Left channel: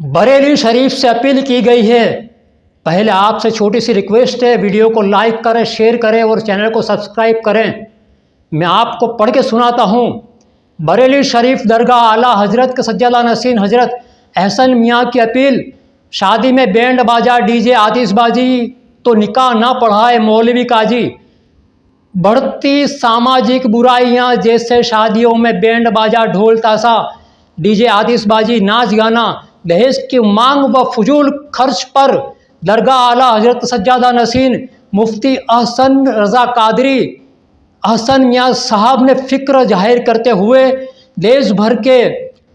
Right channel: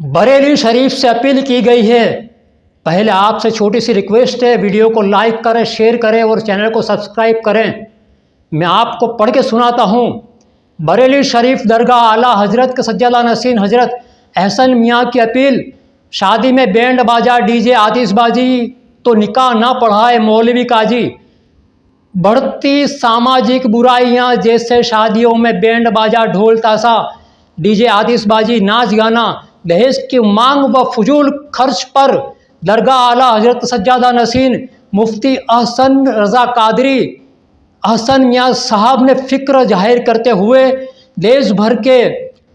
बरेली शरीफ से अपील की गई है। पहले आपसे छोटी सी रिक्वेस्ट है, वीडियो को लाइक करें, शेयर करें और चैनल को सब्सक्राइब करें। मैं आपको पढ़ के सुनाता हूँ। बरेली शरीफ दरगाह आला हजरत के सज्जादा नसीन हजरत एहसन मियाँ की अपील, शादी में बैंड बाजा डीजे आतिशबाजी तो निकाह ना पढ़ाए मौलवी काजी। बढ़ती सामाजिक बुराइयां जैसे शादियों में बैंड बाजा ढोल ताशा डीजे आतिशबाजी नाच गाना, दहेज की मांग व फजूल खर्च पर दरगाह आला हजरत सज्जादा नसीन मुफ्ती अहसन रज़ा कादरी अहसन मियाँ साहब ने फ़िक्र जाहिर करते हुए देश भर के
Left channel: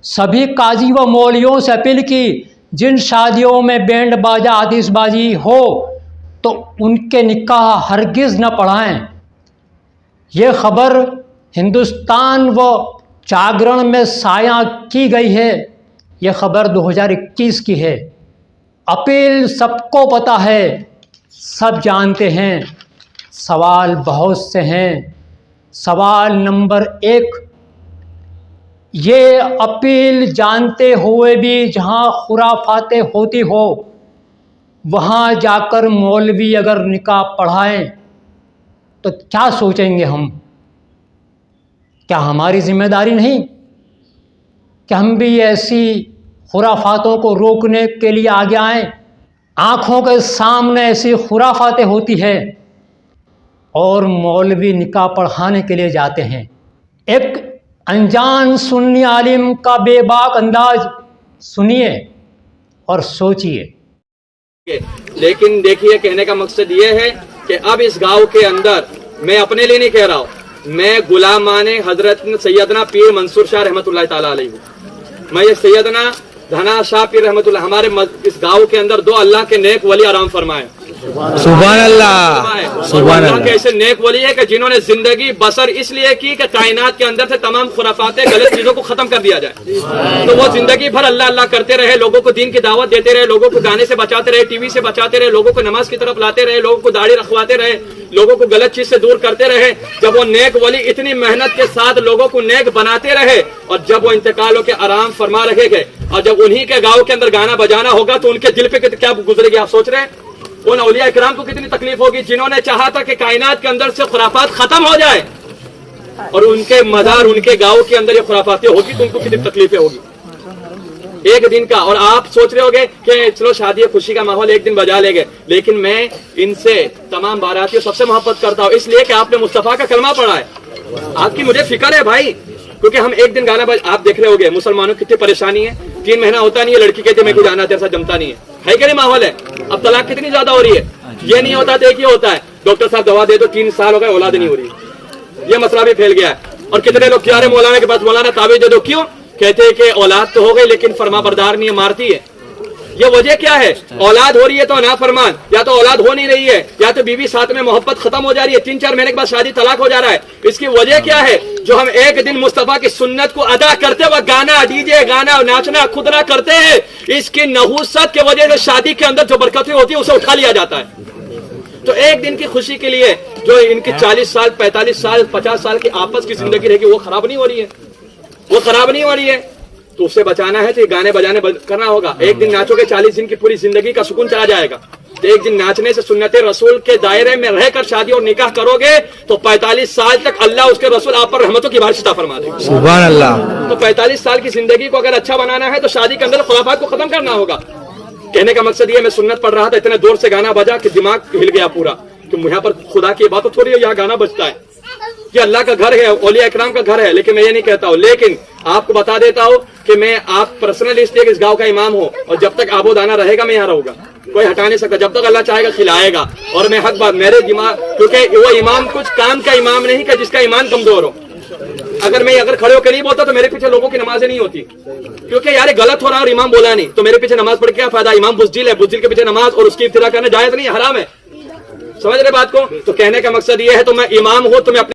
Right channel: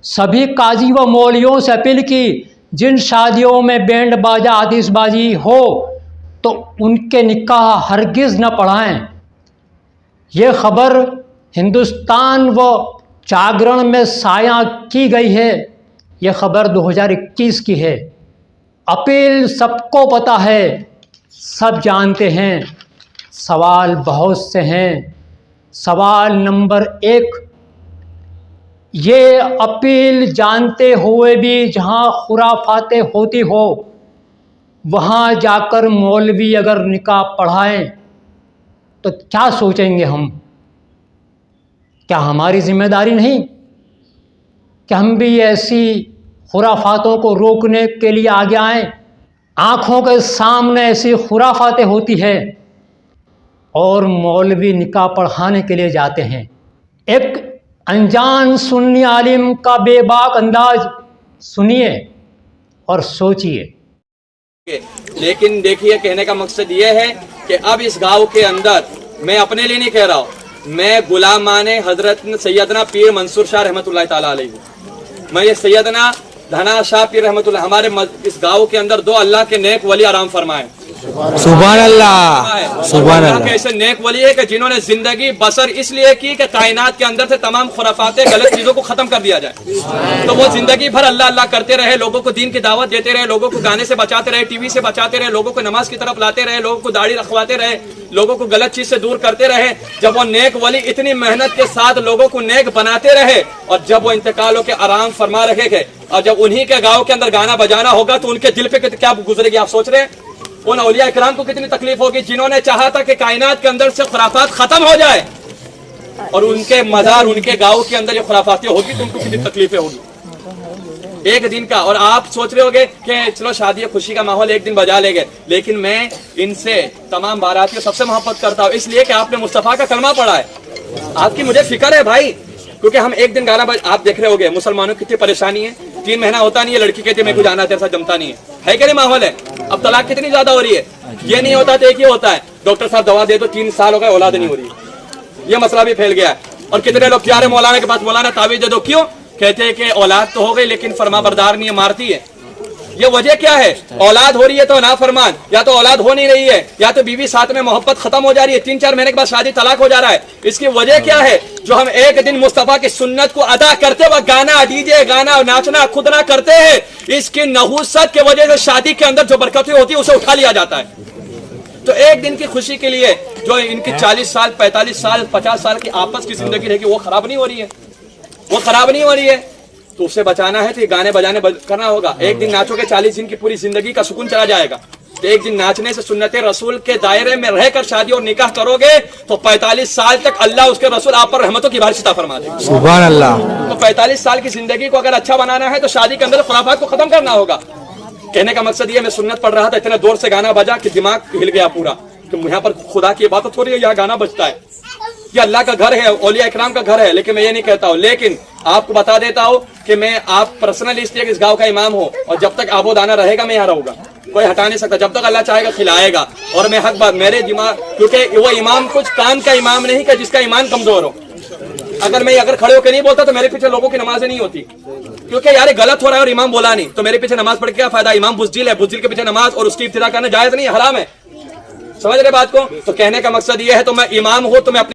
सभी काजी व मौलवियों से अपील की, जिन शादियों में बैंड बाजा आतिशबाजी हो तो उनके निकाह हरगिज़ न पढ़ाएं। ये खबर हिंदुस्तान व जागरण में साया की गई है। यह खबर 2021 की है। अपील सबको पता है, सब जानते हैं, सवाल बहुत से हैं। सवाल नंबर 1, ये अपील जानते हुए भी जहाँ खुराफातें होती हो वहाँ जाकर मौलवी अगर निकाह पढ़ाएं तो क्या सोचेंगे हम? क्या हमारी जिम्मेदारी नहीं कि हम भी ऐसी खुराफातों को रोकने के लिए आगे आएं? आँखों के सामने ऐसी खुराफातें होती है और मौलवी निकाह पढ़ाने के लिए जाते हैं। एक अनजान सुन्नी आलिम का बेबाक अंदाज सुनिए और सोचिए। लेकिन देखिए, कहने का मकसद ये है कि अब इस गांव के अंदर, मैं अपने लिए नहीं कह रहा हूँ, मैं गुलामाने हजरत सैयदना पीर मंसूर शाह रहमतुल्लाह ताला अलैहि हूँ। मैं ये सैयदना धना शाह पीर रहमतुल्लाह, हमारे इस गांव के अंदर 2 अल्लाह के नेक वली आराम फरमाए। सुभान अल्लाह, सुभान अल्लाह। ऐसे नेक वली है कि जिन्होंने जिंदगी बसर इसलिए की कि कायनात के अंदर से तमाम खुराफातें गलत चीजों को खत्म कर दिया जाए। तो वो जिंदगी भर अल्लाह अल्लाह करते रहे, लोगों को दीन की दावत देते रहे, लोगों को गाने से बचाते रहे, टीवी से बचाते रहे, लोगों को नमाज की तरफ लाते रहे, लोगों को दाढ़ी रखवाते रहे, लोगों को गलत चीज से दूर करते रहे। जब वो नेक वली इतनी मेहनत के साथ लोगों को नेक बनाते रहे और जब वो इंतकाल होकर आराम फरमा रहे गए और जब उन्हीं के गाँव के अंदर गाना बजाना होगा तो उनके दिल पे क्या गुजरेगी, आप सोच रहे हैं? उन औलिया इकराम को कितनी तकलीफ होगी जिन्होंने चाहा था कि कायनात के अंदर से खुराफात खत्म हो जाए और उनके मजार उनके गांव के अंदर ये खुराफातें होगी तो उनको कितनी तकलीफें होगी एक दिन का। और आप सोच रहे होगे कि चलो शादी खुशी का माहौल एक दिन बजा लेंगे, लेकिन मैं इनसे तमाम बारातियों सबसे मोहब्बत करता हूँ इसलिए कि आपने मुस्तफा का कलमा पढ़ा है। आपकी मुझे फिक्र है भाई, क्योंकि हम एक दिन गाना आप देख रहे होगे मुसलमानों की कितनी परेशानी है। 3 महीना होता नहीं है, लड़की कहती मैं जाना तेरे साथ जमता नहीं है कि नहीं माहौल है? अब तलाक कितनी ज्यादा हो रही है। ये नहीं होता तो एक ही होता है, डॉक्टर साहब दवा दे दो, 3 साल हो गए औलाद नहीं हो रही। ये मसला भी फैल गया है। और कितने लोग जा रहे मौलाना के पास, मौलाना ताबीज दे दो, क्यों? कहते हैं कि औलाद तो हो गई लेकिन फरमा बरदार नहीं है, मारती है। ये वजह क्या है? औलाद हो रही है तो ना फरमान, या तो औलाद हो नहीं रही है, या तो बीवी साथ में मोहब्बत खत्म हो जा रही है, 3-4 महीने के बाद शादी तलाक हो जा रहा है। इसकी वजह क्या है? जो हम एक दिन मुस्तफा की सुन्नत को अदा करते वक्त गाना डीजे गाना नाचना खुदना करते हैं, इसकी नहुसत की वजह से शादी के अंदर जो बरकतें होती है उसे उठा लिया जाता है। तो एक दिन की खुशी के लिए जो इनकी 40 साल 45 साल 50 साल की आपस की जिंदगी रहेगी वो खराब नहीं हो रही है, वो खराब नहीं हो रही है। तो उससे बचाना है तो ये गाने बजाने करना होगा। एक दिन नाचोगे 40 दिन की पूरी जिंदगी का सुकून चला जाएगा। तो एक दिन नाचने से सुन्नत रसूल के दायरे में रहकर शादी और निकाह करोगे तो 45 साल तक अल्लाह उसके रसूल आप पर रहमतों की बारिश अता फरमा देगा। सुभान अल्लाह। तो 45 साल की जिंदगी को अगर अच्छा बनाना है तो शादी के अंदर खुराफात को खत्म करना होगा। कहने का मकसद ये, मैं सुन्नत पढ़ रहा था, इतने जोर से गाना बजा कि दिमाग हिल गया पूरा कि यहाँ पर खुदा की इबादत हो रही है, यहाँ गाना बजता है। ये अल्लाह का घर है, औलिया इकराम का घर है, लेकिन मैं ये नहीं कहता हूँ। लेकिन आपको बता देता हूँ कि मैं आप पर्सनली इसलिए इस गांव का इमाम हूँ और जब तक आबो दाना रहेगा मैं यहाँ रहूंगा, कोई हटा नहीं सकता। जब तक अल्लाह चाहेगा खिलाएगा। और मैं हक बात मेरे दिमाग, क्योंकि वो इमाम कुछ काम का इमाम नहीं कि जिसका ईमान कमजोर हो। अगर खड़े होकर नहीं बोलता तो मेरे पीछे लोगों की नमाजें नहीं होती, क्योंकि यार गलत हो रहा है और इमाम बोला नहीं तो मेरे पीछे नमाज पढ़ के क्या फायदा? इमाम बुज़दिल है, बुज़दिल के पीछे नमाज और उसकी इब्तिदा करना जायज नहीं, हराम है। समझ रहे बात को? तो कहने का मकसद ये है, तो मैं इमाम हूं तो मैं